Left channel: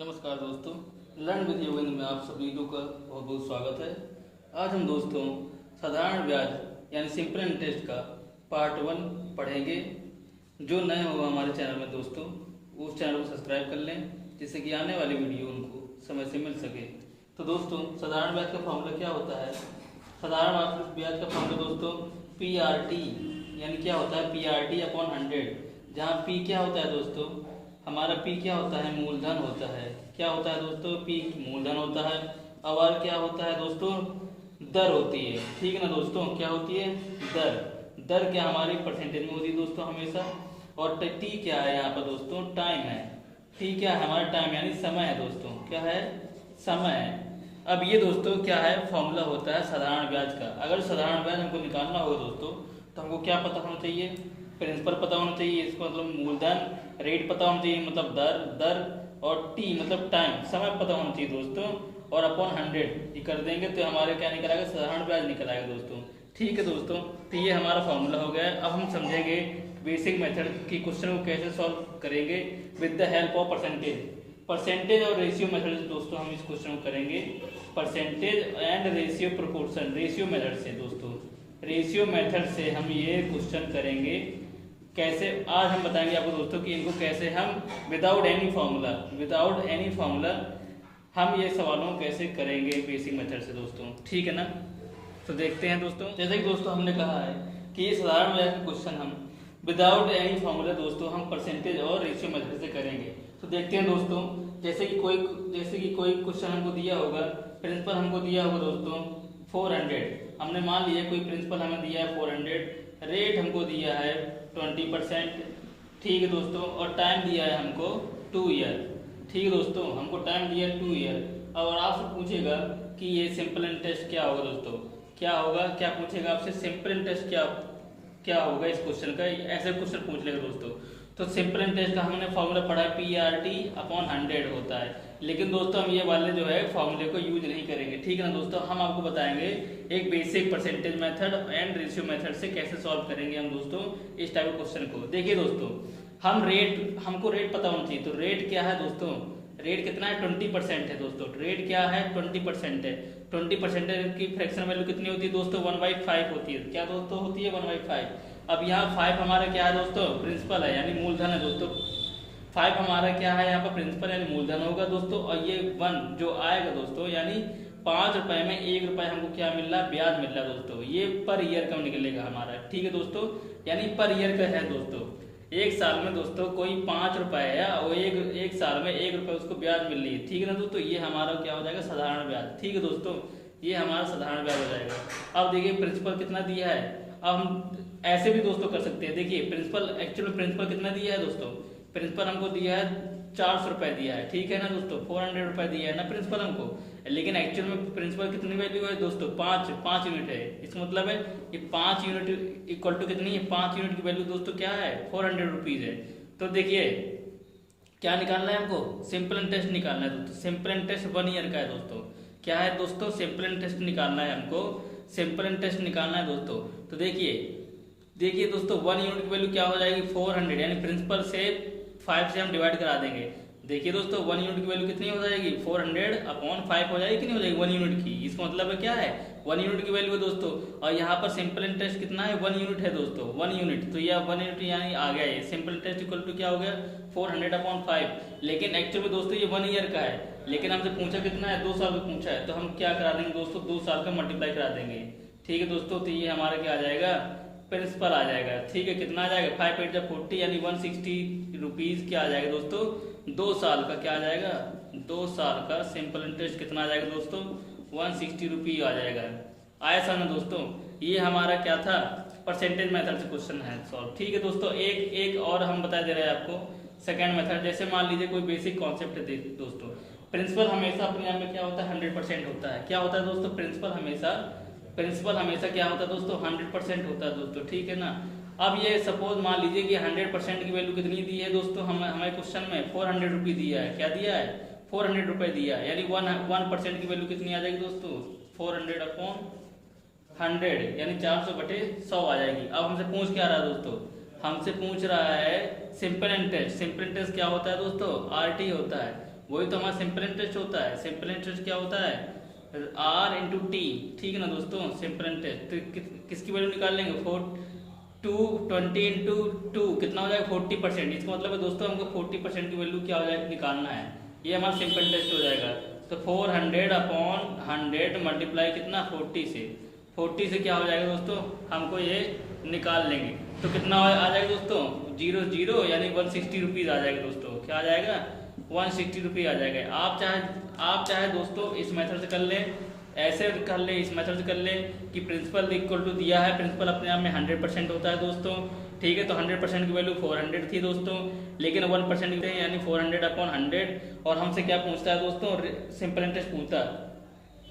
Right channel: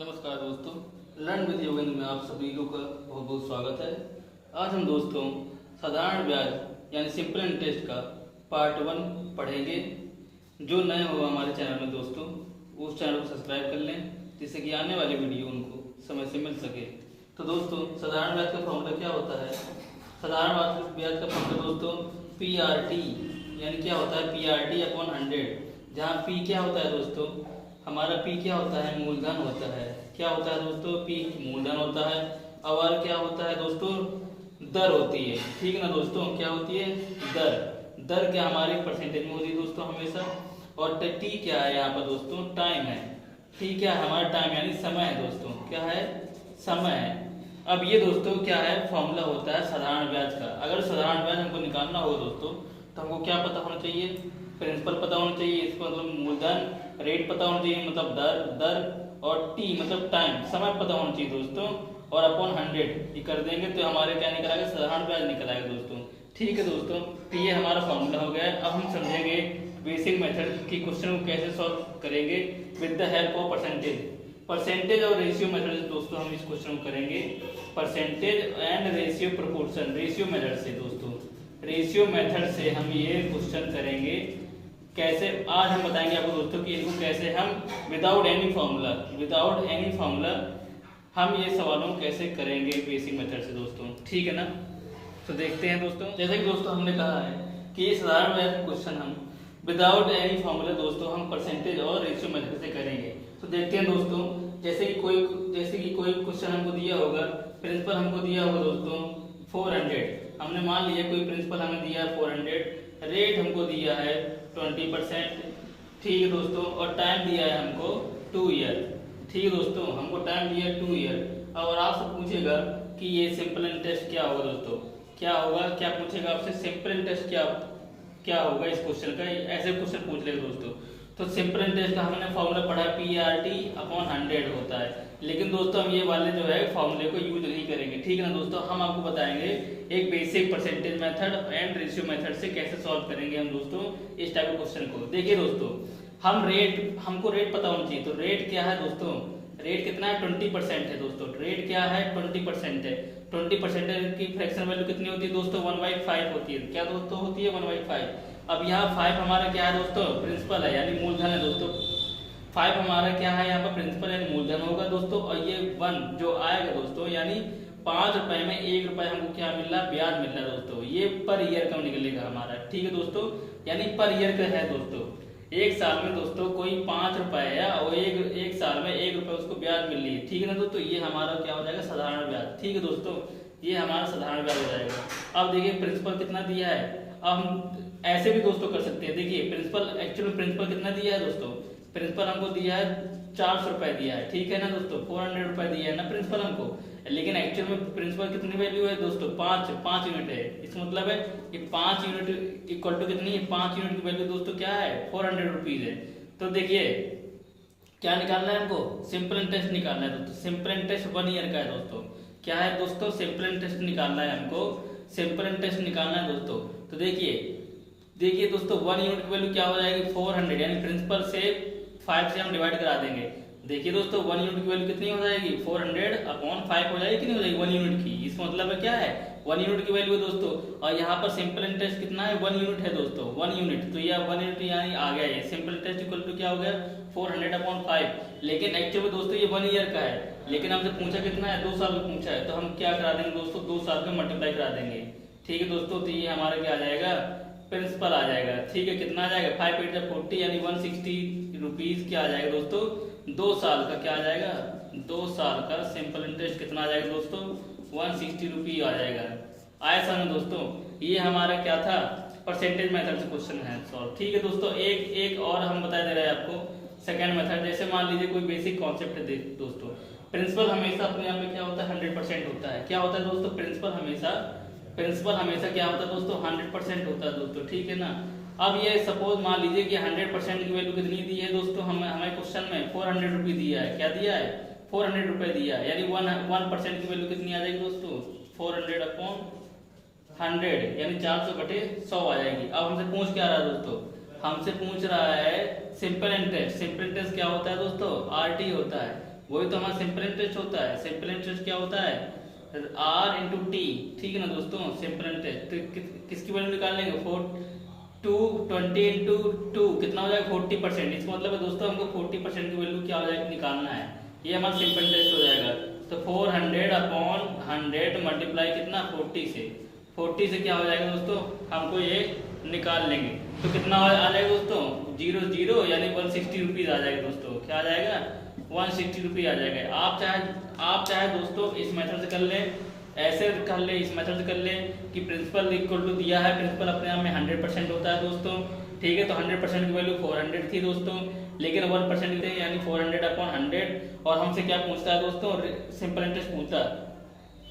नमस्कार दोस्तों, learn with Yogendra में आप सभी को बहुत बहुत स्वागत है। आज हम दोस्तों साधारण ब्याज यानी सिंपल इंटरेस्ट का पार्ट 1 पढ़ेंगे। जो नए हो हमारे चैनल में दोस्तों, उस चैनल को सब्सक्राइब कर लें जिससे कि आने वाली वीडियो उनको समय से मिल सके। तो दोस्तों साधारण ब्याज का फॉर्मूला क्या होता है? साधारण ब्याज का फॉर्मूला दोस्तों PRT यानी क्या होता है PRT अपॉन 100, जहाँ P क्या होता है दोस्तों, हमारा P क्या होता है, मूलधन होता है। क्या होता है दोस्तों, P मूलधन होता है। और क्या होता है दोस्तों, दर होती है। ठीक है ना दोस्तों, क्या होती है, दर। दर क्या हमारी परसेंटेज में होती है दोस्तों हमेशा। और T क्या है यहाँ पर दोस्तों, टाइम है। T क्या है हमारा, टाइम यानी समय है दोस्तों। क्या है, समय है। अब ये दोस्तों क्या है, फॉर्मूला होता है साधारण ब्याज का। अगर साधारण ब्याज हमको निकालना हो दोस्तों, तो हमको क्या पता होना चाहिए, प्रिंसिपल पता होना चाहिए, इसको मतलब मूलधन, रेट पता होना चाहिए मतलब दर, और टी मतलब टाइम, समय पता होना चाहिए दोस्तों, और अपॉन 100 ये कर देंगे तो हमारे क्या निकल आएगा, साधारण ब्याज निकल आएगा दोस्तों। ठीक है दोस्तों, तो ये हमारा फॉर्मूला हो गया। अब हम समझेंगे बेसिक मेथड की क्वेश्चन को कैसे सॉल्व करेंगे with the help of percentage और रेशियो मेथड से दोस्तों हम इस क्वेश्चन को करेंगे। Percentage and ratio proportion, ratio method से दोस्तों, रेशियो मेथड से हम ये क्वेश्चन करेंगे। कैसे, आज हम बताएंगे आपको दोस्तों कि इनको कैसे हम विदाउट एनी फार्मूला हम ये सवालों कैसे करेंगे बेसिक मेथड से दोस्तों। ठीक है ना, तो देखते हैं दोस्तों। जैसे कि दोस्तों हमने कहा है कि ये साधारण ब्याज का क्वेश्चन हम विदाउट एनी फार्मूला दोस्तों हम परसेंटेज और रेशियो मेथड से करेंगे। तो देखते हैं दोस्तों, जैसे कि कोई क्वेश्चन हमको दिया होगा, प्रिंसिपल हमको दिया होगा दोस्तों 400। हमने मान लिया कोई प्रिंसिपल हमें दिया है 400, रेट हमको दिया है 20%। ठीक है दोस्तों, और टाइम दिया है हमको 2 ईयर। ठीक है दोस्तों, हमको टाइम दिया है 2 ईयर। और आपसे पूछेगा कि ये सिंपल इंटरेस्ट क्या होगा दोस्तों, क्या होगा, क्या पूछेगा आपसे, सिंपल इंटरेस्ट क्या होगा इस क्वेश्चन का, ऐसे क्वेश्चन पूछ लेगा दोस्तों। तो सिंपल इंटरेस्ट का हमने फॉर्मूला पढ़ा है PRT अपॉन 100 होता है। लेकिन दोस्तों हम ये वाले जो है फॉर्मूले को यूज नहीं करेंगे। ठीक है ना दोस्तों, हम आपको बताएंगे एक basic percentage method and ratio method से कैसे सॉल्व करेंगे हम दोस्तों इस टाइप के क्वेश्चन को। देखिए दोस्तों, हमको रेट पता होना चाहिए। तो रेट क्या है दोस्तों, रेट कितना है, 20% है दोस्तों। रेट क्या है, 20% है। 20% की फ्रैक्शन वैल्यू कितनी होती है दोस्तों, 1/5 होती है। क्या दोस्तों होती है, 1/5। अब यहाँ 5 हमारा क्या है दोस्तों, प्रिंसिपल है यानी मूलधन है दोस्तों। 5 हमारा क्या है यहाँ पर, प्रिंसिपल यानी मूलधन होगा दोस्तों। और ये 1 जो आएगा दोस्तों, यानी 5 रुपए में 1 रुपए हमको क्या मिल रहा है, ब्याज मिल रहा है दोस्तों। ये पर ईयर का निकलेगा हमारा। ठीक है दोस्तों, यानी पर ईयर का है दोस्तों। एक साल में दोस्तों कोई 5 रुपए है और एक साल में 1 रुपए उसको ब्याज मिल रही है। ठीक है ना दोस्तों, ये हमारा क्या हो जाएगा, साधारण ब्याज। ठीक है दोस्तों, ये हमारा साधारण ब्याज हो जाएगा। अब देखिए प्रिंसिपल कितना दिया है। अब हम ऐसे भी दोस्तों कर सकते हैं। देखिए प्रिंसिपल कितना दिया है दोस्तों, प्रिंसिपल हमको दिया है 400 रुपए दिया है। ठीक है ना दोस्तों, 400 रुपए दिया है ना प्रिंसिपल हमको। लेकिन एक्चुअल में प्रिंसिपल कितनी वैल्यू है दोस्तों, 5 यूनिट है। इसका मतलब है ये 5 यूनिट इक्वल टू कितनी है, 5 यूनिट की वैल्यू दोस्तों क्या है, 400 रुपीज है। तो देखिए क्या निकालना है हमको, सिंपल इंटरेस्ट निकालना है दोस्तों। सिंपल इंटरेस्ट 1 ईयर का है दोस्तों। क्या है दोस्तों, सिंपल इंटरेस्ट निकालना है हमको, सिंपल इंटरेस्ट निकालना है दोस्तों। तो देखिए दोस्तों 1 यूनिट की वैल्यू क्या हो जाएगी, 400, यानी प्रिंसिपल से 5 से हम डिवाइड करा देंगे। देखिए दोस्तों 1 यूनिट की वैल्यू कितनी हो जाएगी, 400 अपॉन 5 हो जाएगी, कितनी हो जाएगी 1 यूनिट की। इसका मतलब है क्या है, 1 यूनिट की वैल्यू है दोस्तों। और यहाँ पर सिंपल इंटरेस्ट कितना है, 1 यूनिट है दोस्तों, 1 यूनिट। तो यह 1 यूनिट यानी आ गया ये सिंपल इंटरेस्ट इक्वल टू क्या हो गया, 400 अपॉन 5। लेकिन एक्चुअली में दोस्तों ये 1 ईयर का है, लेकिन हमसे पूछा कितना है, 2 साल का पूछा है। तो हम क्या करा देंगे दोस्तों, 2 साल का मल्टीप्लाई करा देंगे। ठीक है दोस्तों, तो ये हमारा क्या आ जाएगा, प्रिंसिपल आ जाएगा। ठीक है, कितना आ जाएगा, 5 8 जा 40 यानी 160 रुपीज क्या आ जाएगा दोस्तों, 2 साल का क्या आ जाएगा, 2 साल का सिंपल इंटरेस्ट कितना आ जाएगा दोस्तों, 160 रुपी आ जाएगा। आया समझ दोस्तों, ये हमारा क्या था, परसेंटेज मेथड से क्वेश्चन है सॉल्व। ठीक है दोस्तों, एक और हम बता दे रहे हैं आपको सेकंड मेथड। जैसे मान लीजिए कोई बेसिक कॉन्सेप्ट है दोस्तों, प्रिंसिपल हमेशा अपने आप में क्या होता है, 100% होता है। क्या होता है दोस्तों, प्रिंसिपल हमेशा क्या होता है दोस्तों, 100% होता है दोस्तों। ठीक है ना। अब ये सपोज मान लीजिए कि 100% की वैल्यू कितनी दी है दोस्तों, हमें क्वेश्चन में 400 रुपये दिया है। क्या दिया है, 400 रुपये दिया है, यानी 1% की वैल्यू कितनी आ जाएगी दोस्तों, 400 अपॉन 100 यानी 400/100 आ जाएगी। अब हमसे पूछ क्या रहा है दोस्तों, हमसे पूछ रहा है सिंपल इंटरेस्ट। सिंपल इंटरेस्ट क्या होता है दोस्तों, RT होता है। वही तो हमारा सिंपल इंटरेस्ट होता है। सिंपल इंटरेस्ट क्या होता है, आर इंटू टी, ठीक है ना दोस्तों। सिंपल इंटरेस्ट तो किसकी वैल्यू निकाल लेंगे, 20 इंटू टू कितना हो जाएगा 40%। इसका मतलब है दोस्तों हमको 40% की वैल्यू क्या हो जाएगा निकालना है, ये हमारा सिंपल इंटरेस्ट हो जाएगा। तो 400 अपॉन 100 मल्टीप्लाई कितना 40 से, 40 से क्या हो जाएगा दोस्तों, हमको ये निकाल लेंगे तो कितना आ जाएगा दोस्तों, 0 यानी 160 रुपीज़ आ जाएगा दोस्तों। क्या आ जाएगा, 160 रुपीज़ आ जाएगा। आप चाहे दोस्तों इस मेथड से कर ले, ऐसे कर ले, इस मेथड से कर ले कि प्रिंसिपल इक्वल टू दिया है, प्रिंसिपल अपने आप में 100% होता है दोस्तों, ठीक है। तो 100% की वैल्यू 400 थी दोस्तों, लेकिन 1% यानी 400 अपॉन 100, और हमसे क्या पूछता है दोस्तों, सिंपल इंटरेस्ट पूछता है।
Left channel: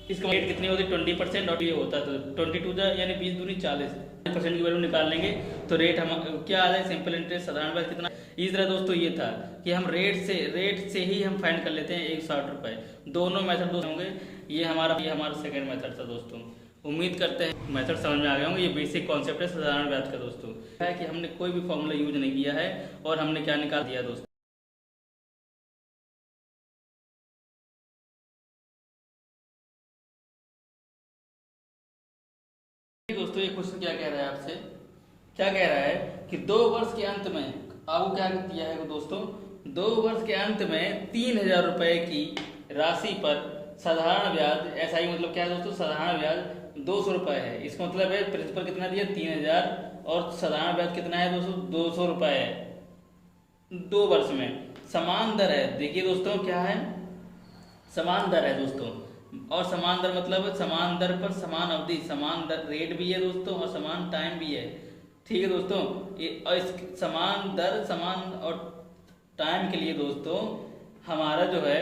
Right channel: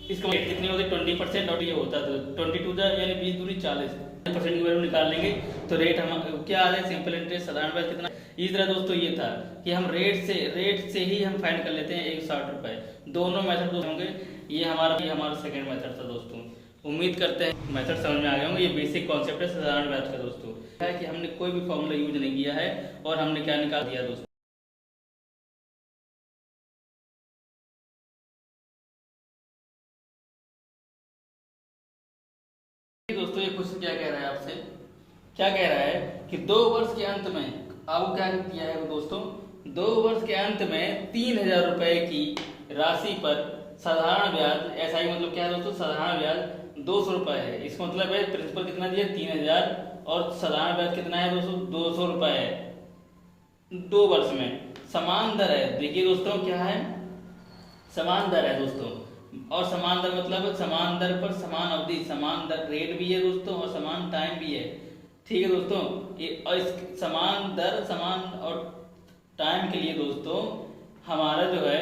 इसका रेट कितनी होती है 20%, और ये होता है तो 22 यानी 20 दूनी 40% की वैल्यू निकाल लेंगे तो रेट हम क्या आ जाए, सिंपल इंटरेस्ट साधारण ब्याज कितना। इस तरह दोस्तों ये था कि हम रेट से ही हम फाइंड कर लेते हैं 160 रुपए। दोनों मेथड होंगे, ये हमारा सेकंड मेथड था दोस्तों। उम्मीद करते हैं मेथड समझ में आ गए होंगे। ये बेसिक कॉन्सेप्ट है साधारण ब्याज का दोस्तों, है कि हमने कोई भी फॉर्मूला यूज नहीं किया है और हमने क्या निकाल दिया दोस्तों। दोस्तों ये क्वेश्चन क्या कह रहा है आपसे, क्या कह रहा है कि 2 वर्ष के अंत में आपको क्या किया है दोस्तों, 2 वर्ष के अंत में 3000 रुपए की राशि पर साधारण ब्याज, ऐसा ही मतलब क्या है दोस्तों, साधारण ब्याज 200 रुपए है। इसका मतलब है प्रिंसिपल कितना दिया 3000 और साधारण ब्याज कितना है दोस्तों 200 रुपए है। 2 वर्ष में समान दर है, देखिए दोस्तों क्या है, समान दर है दोस्तों। और समान दर मतलब समान दर पर समान अवधि, समान दर रेट भी है दोस्तों और समान टाइम भी है, ठीक है दोस्तों। ये समान दर समान और टाइम के लिए दोस्तों हमारा जो है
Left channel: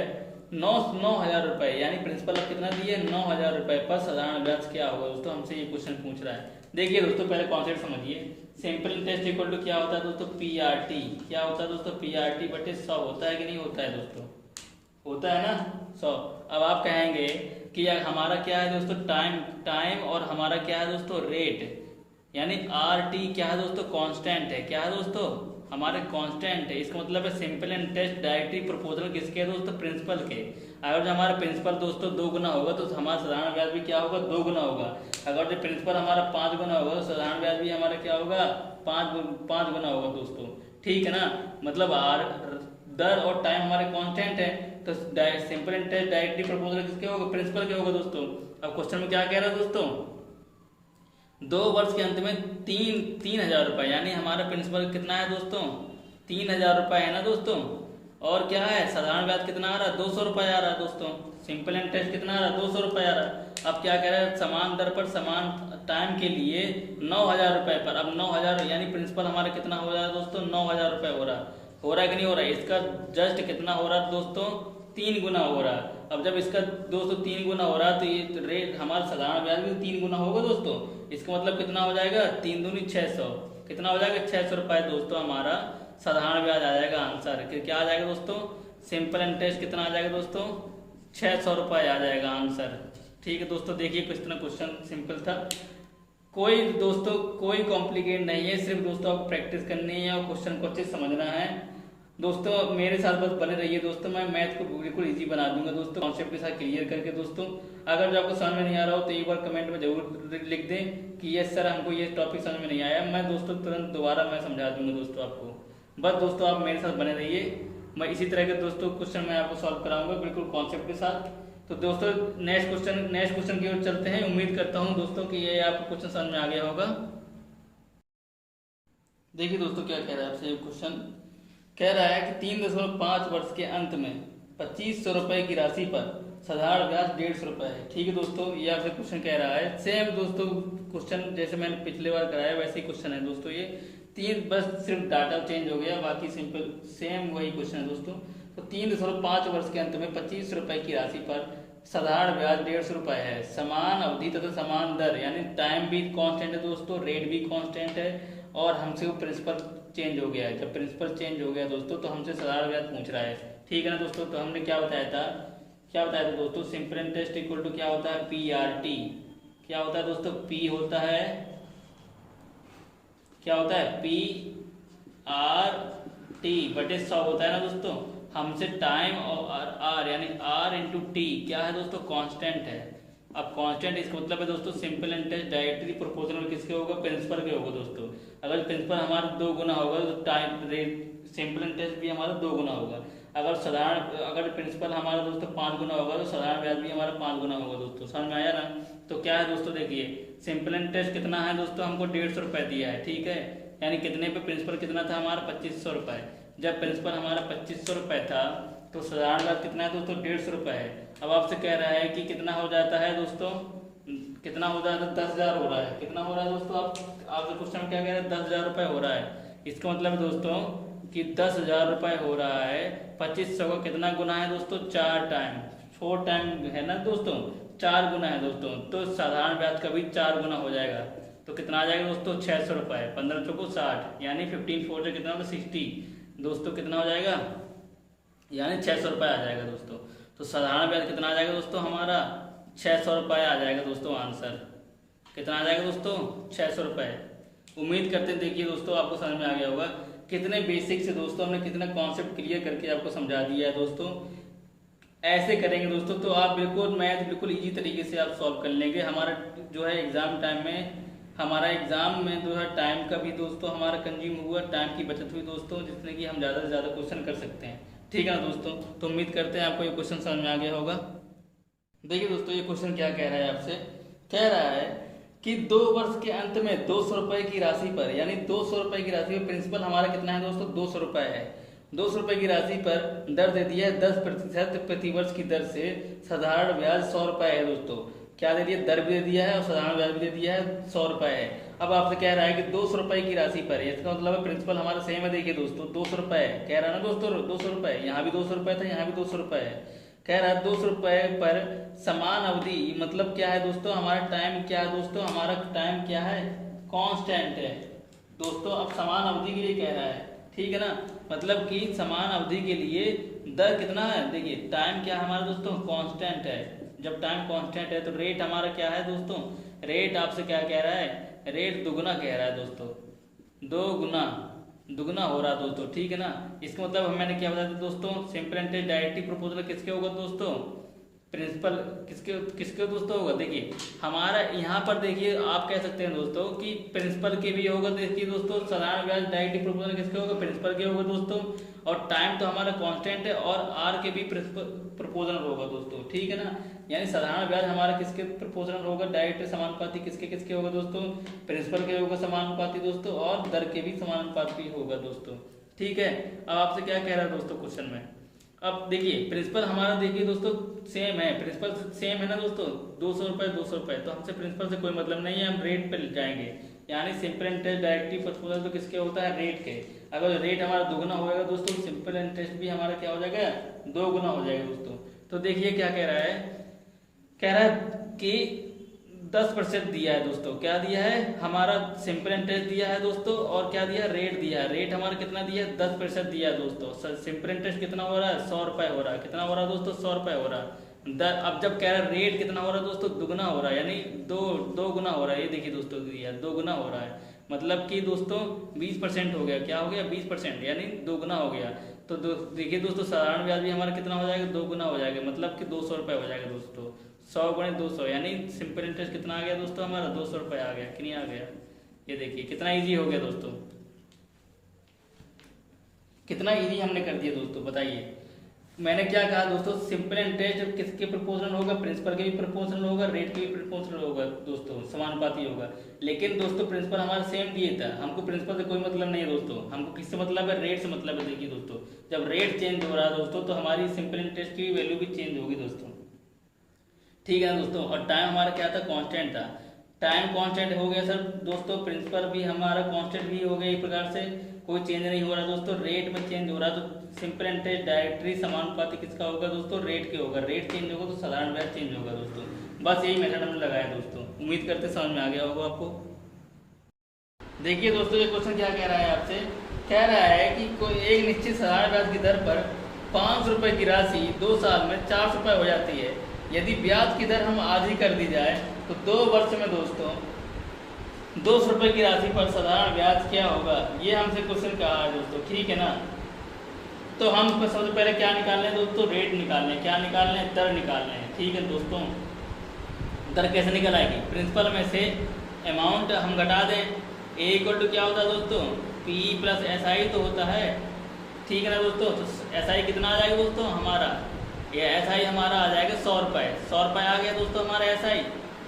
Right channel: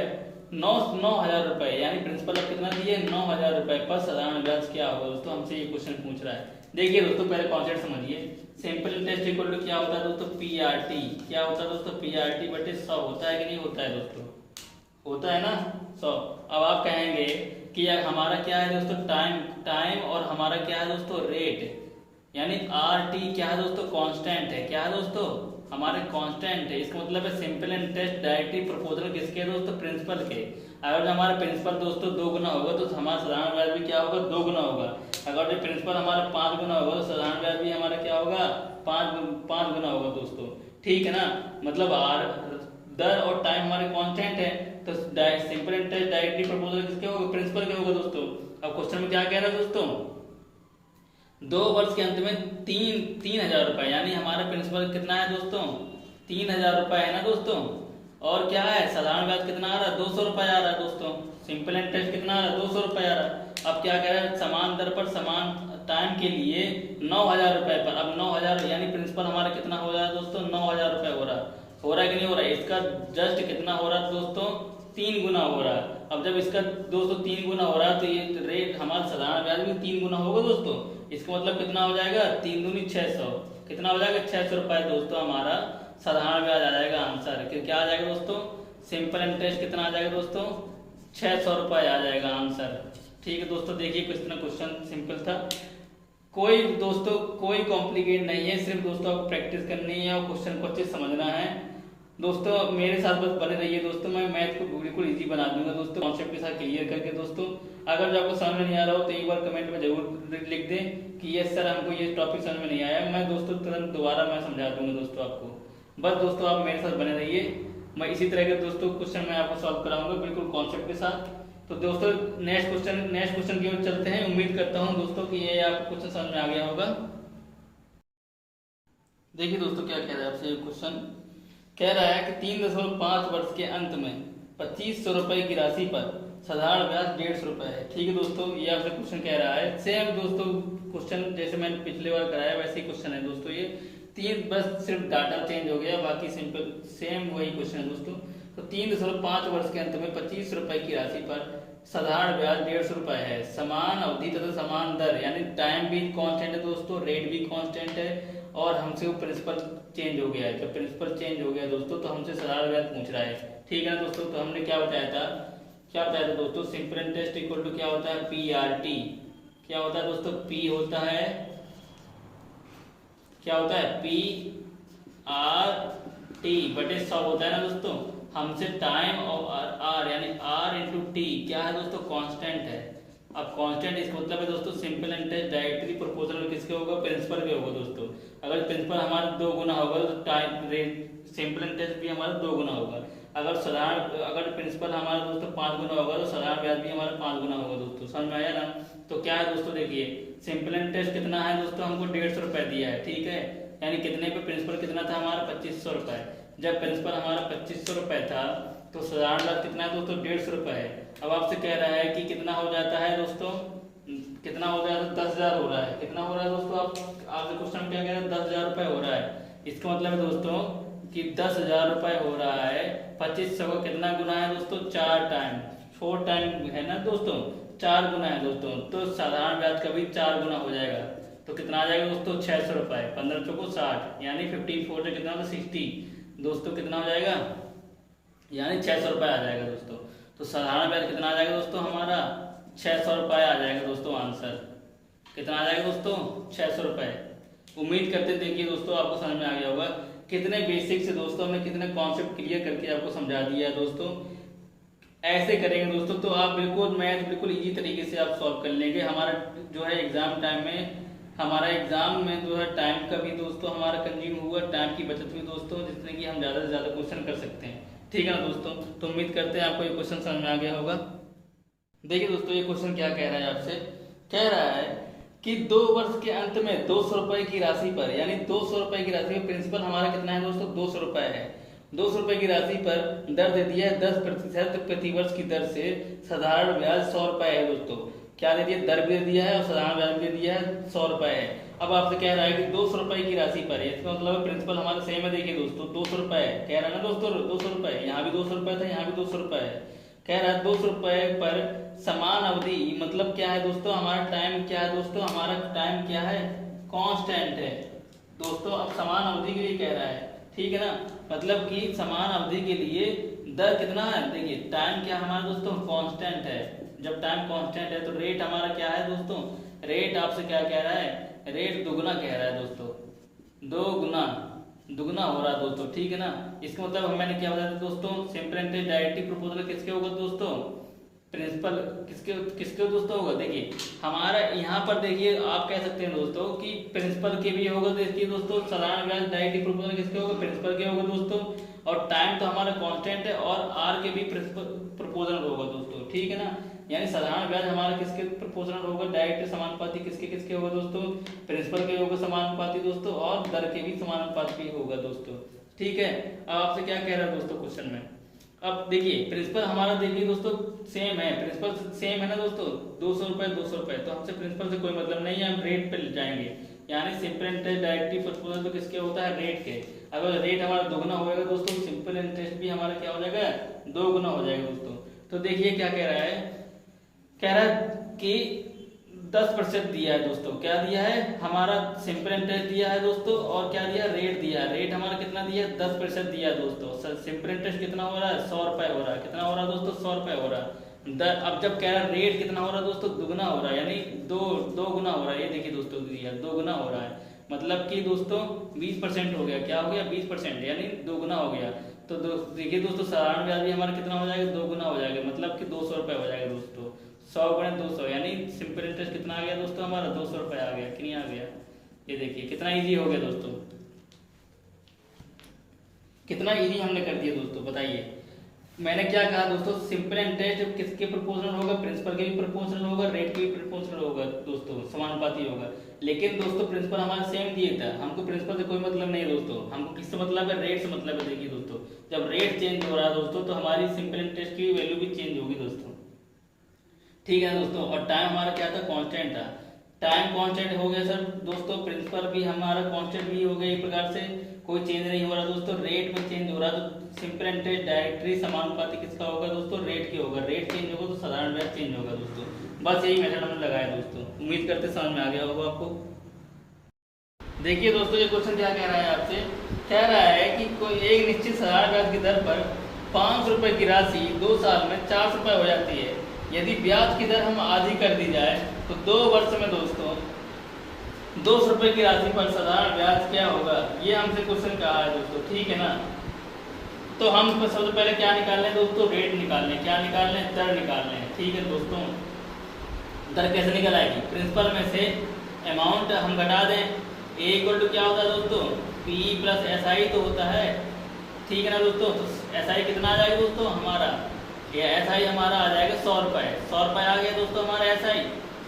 9,000 रुपए, यानी प्रिंसिपल अब कितना दिए 9,000 रुपए पर साधारण ब्याज क्या होगा दोस्तों, हमसे ये क्वेश्चन पूछ रहा है। देखिए दोस्तों पहले कॉन्सेप्ट समझिए, सिंपल इंटरेस्ट इक्वल टू क्या होता है दोस्तों, पीआरटी। क्या होता है दोस्तों, पीआरटी बटे 100 होता है कि नहीं होता है दोस्तों, होता है ना 100। अब आप कहेंगे कि यार हमारा क्या है दोस्तों, टाइम और हमारा क्या है दोस्तों रेट, यानी आर टी क्या है दोस्तों, कांस्टेंट है। क्या है दोस्तों, हमारे कांस्टेंट है। इसका मतलब है सिंपल इंटरेस्ट डायरेक्टली प्रोपोर्शनल किसके है दोस्तों, प्रिंसिपल के। अगर जो हमारा प्रिंसिपल दोस्तों 2 गुना होगा तो हमारा साधारण ब्याज भी क्या होगा 2 गुना होगा। अगर जो प्रिंसिपल हमारा 5 गुना होगा तो साधारण ब्याज भी हमारा क्या होगा 5 गुना होगा दोस्तों, ठीक है ना। मतलब आर दर और टाइम हमारे कांस्टेंट है, तो सिंपल इंटरेस्ट डायरेक्टली प्रोपोर्शनल किसके होगा, प्रिंसिपल के होगा दोस्तों। अब क्वेश्चन में क्या कह रहा है दोस्तों, 2 वर्ष के अंत में 3000 रुपए, यानी हमारा प्रिंसिपल कितना है दोस्तों 3000 रुपए है ना दोस्तों। और क्या है साधारण ब्याज कितना आ रहा है 200 रुपए आ रहा है दोस्तों। सिंपल इंटरेस्ट कितना आ रहा है 200 रुपए आ रहा है। अब क्या कह रहा है, समान दर पर समान टाइम के लिए 9,000 रुपए पर। अब 9,000 यानी प्रिंसिपल हमारा कितना हो रहा है दोस्तों 9,000 रुपए हो रहा है कि नहीं हो रहा है। इसका जस्ट कितना हो रहा है दोस्तों 3 गुना हो रहा है। अब जब इसका दोस्तों 3 गुना हो रहा है तो ये रेट हमारा साधारण ब्याज भी 3 गुना होगा दोस्तों। इसका मतलब कितना हो जाएगा 3 दूनी 600, कितना हो जाएगा 600 रुपए दोस्तों हमारा साधारण ब्याज आ जाएगा आंसर। क्या आ जाएगा दोस्तों, सिंपल इंटरेस्ट कितना आ जाएगा दोस्तों 600 रुपए आ जाएगा आंसर, ठीक है दोस्तों। देखिए क्वेश्चन सिंपल था, कोई दोस्तों कोई कॉम्प्लिकेट नहीं है, सिर्फ दोस्तों आपको प्रैक्टिस करनी है और क्वेश्चन को अच्छे से समझना है दोस्तों। मेरे साथ बस बने रहिए दोस्तों, मैं मैथ को बिल्कुल इजी बना दूंगा दोस्तों, कॉन्सेप्ट के साथ क्लियर करके दोस्तों। अगर जो आपको समझ में नहीं आ रहा हो तो एक बार कमेंट में जरूर लिख दें कि यस सर हमको ये टॉपिक समझ में नहीं आया, मैं दोस्तों तुरंत दोबारा मैं समझा दूंगा दोस्तों आपको। बस दोस्तों आप मेरे साथ बने रहिए, मैं इसी तरह के दोस्तों क्वेश्चन मैं आपको सॉल्व कराऊंगा बिल्कुल कॉन्सेप्ट के साथ। तो दोस्तों नेक्स्ट क्वेश्चन की ओर चलते हैं। उम्मीद करता हूँ दोस्तों कि ये आपको क्वेश्चन समझ में आ गया होगा। देखिए दोस्तों क्या कह रहा है आपसे, क्वेश्चन कह रहा है कि 3.5 वर्ष के अंत में 2500 रुपए की राशि पर साधारण ब्याज 150 रुपए है, ठीक है दोस्तों। ये आपसे क्वेश्चन कह रहा है, सेम दोस्तों क्वेश्चन जैसे मैंने पिछले बार कराया वैसे ही क्वेश्चन है दोस्तों। ये 3 बस सिर्फ डाटा चेंज हो गया, बाकी सिंपल सेम वही क्वेश्चन है दोस्तों। तो 3.5 वर्ष के अंत में 25 रुपए की राशि पर साधारण ब्याज 150 रुपए है, समान अवधि तथा समान दर, यानी टाइम भी कांस्टेंट है दोस्तों, रेट भी कांस्टेंट है, और हमसे वो प्रिंसिपल चेंज हो गया है। जब प्रिंसिपल चेंज हो गया दोस्तों तो हमसे साधारण ब्याज पूछ रहा है, ठीक है ना दोस्तों। तो हमने क्या बताया था दोस्तों, सिंपल इंटरेस्ट इक्वल टू क्या होता है पीआरटी। क्या होता है दोस्तों, पी होता है क्या होता है पी आर टी बटे 100 होता है ना दोस्तों। हमसे टाइम और आर यानी आर इंटू टी क्या है दोस्तों, कांस्टेंट है। अब कांस्टेंट इसका मतलब है दोस्तों सिंपल इंटरेस्ट डायरेक्टली प्रोपोर्शनल में किसके होगा, प्रिंसिपल के होगा दोस्तों। अगर प्रिंसिपल हमारा 2 गुना होगा तो टाइम रेट सिंपल इंटरेस्ट भी हमारा 2 गुना होगा। अगर प्रिंसिपल हमारा दोस्तों 5 गुना होगा तो साधारण ब्याज भी हमारा 5 गुना होगा दोस्तों। समझ में आया ना। तो क्या है दोस्तों, देखिए सिंपल इंटरेस्ट कितना है दोस्तों, हमको 150 रुपए दिया है, ठीक है। यानी कितने पे, प्रिंसिपल कितना था हमारा 2500 रुपए। जब प्रिंसिपल हमारा 2500 रुपए था तो साधारण ब्याज कितना है दोस्तों, 150 रुपए है। अब आपसे कह रहा है कि कितना हो जाता है दोस्तों, कितना हो जाता है, 10,000 हो रहा है। कितना हो रहा है दोस्तों, आपसे क्वेश्चन क्या कह रहा है, 10,000 रुपए हो रहा है। इसका मतलब है दोस्तों कि 10,000 रुपए हो रहा है, 2500 का कितना गुना है दोस्तों, 4 टाइम, 4 टाइम है ना दोस्तों, 4 गुना है दोस्तों। तो साधारण ब्याज का भी 4 गुना हो जाएगा। तो कितना आ जाएगा दोस्तों, 600 रुपए, 15 चौको 60, यानी 15 4 से कितना तो 60 दोस्तों, कितना हो जाएगा, यानी 600 रुपए आ जाएगा दोस्तों। तो साधारण ब्याज कितना आ जाएगा दोस्तों हमारा, 600 रुपए आ जाएगा दोस्तों। आंसर कितना आ जाएगा दोस्तों, 600 रुपए। उम्मीद करते हैं देखिए दोस्तों आपको समझ में आ गया होगा। कितने बेसिक से दोस्तों हमने कितने कॉन्सेप्ट क्लियर करके आपको समझा दिया है दोस्तों। ऐसे करेंगे दोस्तों तो आप बिल्कुल मैथ बिल्कुल इजी तरीके से आप सॉल्व कर लेंगे। हमारा जो है एग्जाम टाइम में, हमारा एग्जाम में जो है टाइम का भी दोस्तों हमारा कंज्यूम हुआ, टाइम की बचत हुई दोस्तों, जिसने कि हम ज़्यादा से ज़्यादा क्वेश्चन कर सकते हैं। ठीक है ना दोस्तों। तो उम्मीद करते हैं आपको ये क्वेश्चन समझ में आ गया होगा। देखिए दोस्तों ये क्वेश्चन क्या कह रहा है आपसे, कह रहा है कि 2 वर्ष के अंत में 200 रुपए की राशि पर, यानी 200 रुपए की राशि पर प्रिंसिपल हमारा कितना है दोस्तों, 200 रुपए है। 200 रुपए की राशि पर दर दे दिया है 10% प्रतिवर्ष की दर से, साधारण ब्याज 100 रुपए है दोस्तों। क्या दे दिया, दर भी दे दिया है और साधारण ब्याज भी दे दिया है, 100 रुपए है। अब आपसे कह रहा है कि 200 रुपए की राशि पर है, इसका मतलब प्रिंसिपल हमारा सेम है। देखिए दोस्तों 200 रुपए है, कह रहा है ना दोस्तों 200 रुपए, यहाँ भी 200 रुपए था, यहाँ भी 200 रुपए है। कह रहा है 200 रुपए पर समान अवधि, मतलब क्या है दोस्तों, हमारा टाइम क्या है दोस्तों, हमारा टाइम क्या है, कांस्टेंट है दोस्तों। अब समान अवधि के लिए कह रहा है, ठीक है ना, मतलब कि समान अवधि के लिए दर कितना है, देखिए टाइम क्या हमारा दोस्तों, कांस्टेंट है। जब टाइम कांस्टेंट है तो रेट हमारा क्या है दोस्तों, रेट आपसे क्या कह रहा है, रेट दुगुना कह रहा है दोस्तों, 2 गुना दुगना हो रहा है दोस्तों, ठीक है ना। इसका मतलब मैंने क्या बताया था दोस्तों, सिंपल इंटरेस्ट डायरेक्टली प्रोपोर्शनल किसके होगा दोस्तों, प्रिंसिपल किसके किसके दोस्तों होगा। देखिए हमारा यहाँ पर देखिए आप कह सकते हैं दोस्तों कि प्रिंसिपल के भी होगा। देखिए दोस्तों साधारण ब्याज डायरेक्टली प्रोपोर्शनल किसके होगा, प्रिंसिपल के होगा दोस्तों। और टाइम तो हमारा कांस्टेंट है और आर के भी प्रोपोर्शनल होगा दोस्तों, ठीक है ना। यानी साधारण ब्याज हमारा किसके प्रोपोर्शनल होगा, डायरेक्ट समानुपाती किसके किसके होगा दोस्तों, प्रिंसिपल के होगा समानुपाती दोस्तों, और दर के भी समानुपाती होगा दोस्तों, ठीक है। अब आपसे क्या कह रहा है दोस्तों क्वेश्चन में, अब देखिए प्रिंसिपल हमारा देखिए दोस्तों सेम है, प्रिंसिपल सेम है ना दोस्तों, 200 रुपए 200 रुपए, तो हमसे प्रिंसिपल से कोई मतलब नहीं है, हम रेट पे जाएंगे। यानी सिंपल इंटरेस्ट डायरेक्टली प्रोपोर्शनल तो किसके होता है, रेट के। अगर रेट हमारा दोगुना होगा दोस्तों, सिंपल इंटरेस्ट भी हमारा क्या हो जाएगा, 2 गुना हो जाएगा दोस्तों। तो देखिए क्या कह रहा है, कह रहा है कि 10% दिया है दोस्तों, क्या दिया है, हमारा सिंपल इंटरेस्ट दिया है दोस्तों, और क्या दिया, रेट दिया है। रेट हमारा कितना दिया है, 10% दिया है दोस्तों। सिंपल इंटरेस्ट कितना हो रहा है, 100 रुपए हो रहा है, कितना हो रहा है दोस्तों, 100 रुपए हो रहा है। अब जब कह रहा है रेट कितना हो रहा है दोस्तों, दुगुना हो रहा है, यानी दो गुना हो रहा है। ये देखिए दोस्तों दिया है 2 गुना हो रहा है, मतलब कि दोस्तों 20% हो गया, क्या हो गया 20%, यानी 2 गुना हो गया। तो देखिए दोस्तों साधारण ब्याज भी हमारा कितना हो जाएगा, 2 गुना हो जाएगा, मतलब कि 200 रुपए हो जाएगा दोस्तों। 100 गुणे 200 यानी सिंपल इंटरेस्ट कितना आ गया दोस्तों हमारा, 200 रुपए आ गया, कितना आ गया, ये देखिए कितना इजी हो गया दोस्तों, कितना इजी हमने कर दिया दोस्तों। बताइए मैंने क्या कहा दोस्तों, सिंपल इंटरेस्ट जब किसके प्रोपोर्शनल होगा, प्रिंसिपल के भी प्रोपोर्शनल होगा, रेट के भी प्रोपोर्शनल होगा दोस्तों, समानुपाती होगा। लेकिन दोस्तों प्रिंसिपल हमारा सेम दिए था, हमको प्रिंसिपल से कोई मतलब नहीं है दोस्तों, हमको किससे मतलब है, रेट से मतलब है। देखिए दोस्तों जब रेट चेंज हो रहा है दोस्तों तो हमारी सिंपल इंटरेस्ट की वैल्यू भी चेंज होगी दोस्तों, ठीक है दोस्तों। और टाइम हमारा क्या था, कांस्टेंट था, टाइम कांस्टेंट हो गया सर दोस्तों, प्रिंसिपल भी हमारा कांस्टेंट भी हो गया, एक प्रकार से कोई चेंज नहीं हो रहा दोस्तों। रेट में चेंज हो रहा तो सिंपल इंटरेस्ट डायरेक्टली समानुपाती किसका होगा दोस्तों, रेट के होगा, रेट चेंज होगा तो साधारण ब्याज चेंज होगा दोस्तों। बस यही मेथड हमने लगाया दोस्तों, उम्मीद करते समझ में आ गया होगा आपको। देखिए दोस्तों ये क्वेश्चन क्या कह रहा है आपसे, कह रहा है कि कोई एक निश्चित साधारण ब्याज की दर पर 500 रुपए की राशि 2 साल में 400 रुपए हो जाती है। यदि ब्याज की दर हम आधी कर दी जाए तो 2 वर्ष में दोस्तों 200 रुपए की राशि पर साधारण ब्याज क्या होगा, ये हमसे क्वेश्चन कहा है दोस्तों, ठीक है ना। तो हम सबसे पहले क्या निकाल लें दोस्तों, रेट निकाल लें। क्या निकाल लें, दर निकाल लें। ठीक है दोस्तों, दर कैसे निकल आएगी, प्रिंसिपल में से अमाउंट हम घटा दें। ए इक्वल टू क्या होता है दोस्तों, पी प्लस एस आई तो होता है। ठीक है ना दोस्तों, तो एस आई कितना आ जाएगा दोस्तों हमारा, ये एस आई हमारा आ जाएगा 100 रुपये। 100 रुपये आ गया दोस्तों हमारा एस आई।